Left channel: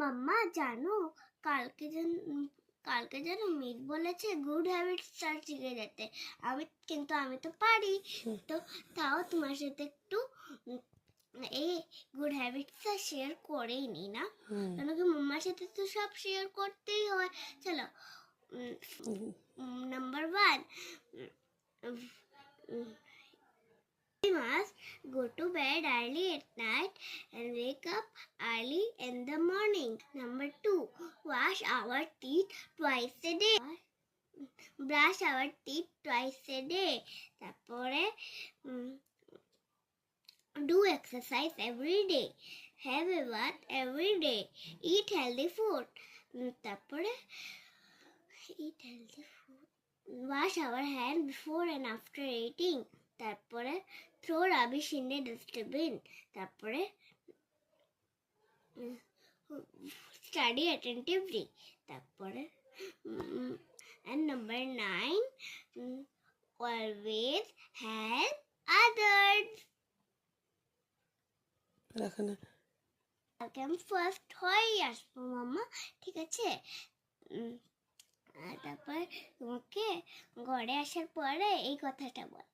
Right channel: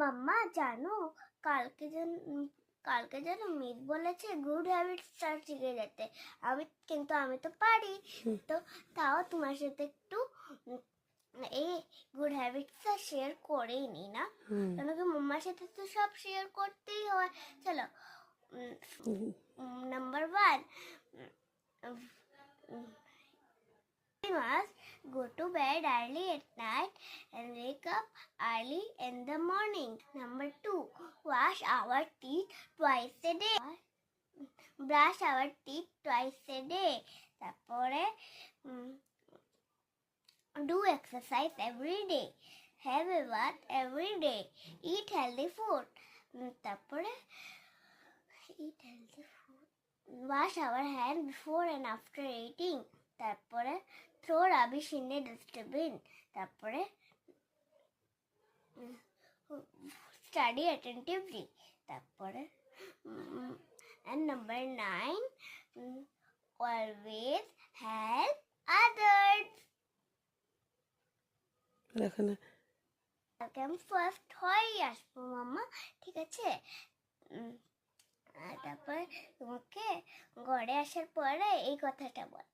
মাম্মা জানো কালকে যেন মিস বলেছে গুড হ্যাবিটসটা শিখে যেতে। আমি তো পারি, তো তাও তোমার সাথে একটু এই গুড হ্যাবিটসটা শেয়ার করেই নি না, কেন কি মাম্মার সাথে তো সব শেয়ার করতেই হয়। চলো, number 1, we must go to bed early at night and wake up early in the morning. Number 2, wash our teeth twice a day. Brush our teeth twice a day. তারপরে do exercise every day. Have a bath every day. Eat healthy food. তারপরে eat healthy food. Wash our hands before and after eating. তারপরে throw rubbish in the dustbin. তারপরে study attentively. তারপরে and number 9, always help others. এখানে কালকে আমি first হয়েই আসবো মাম্মা, ঠিক আছে? আর তারপরে তোমাকে ঘরে আসার পরে এই কথাটা বল।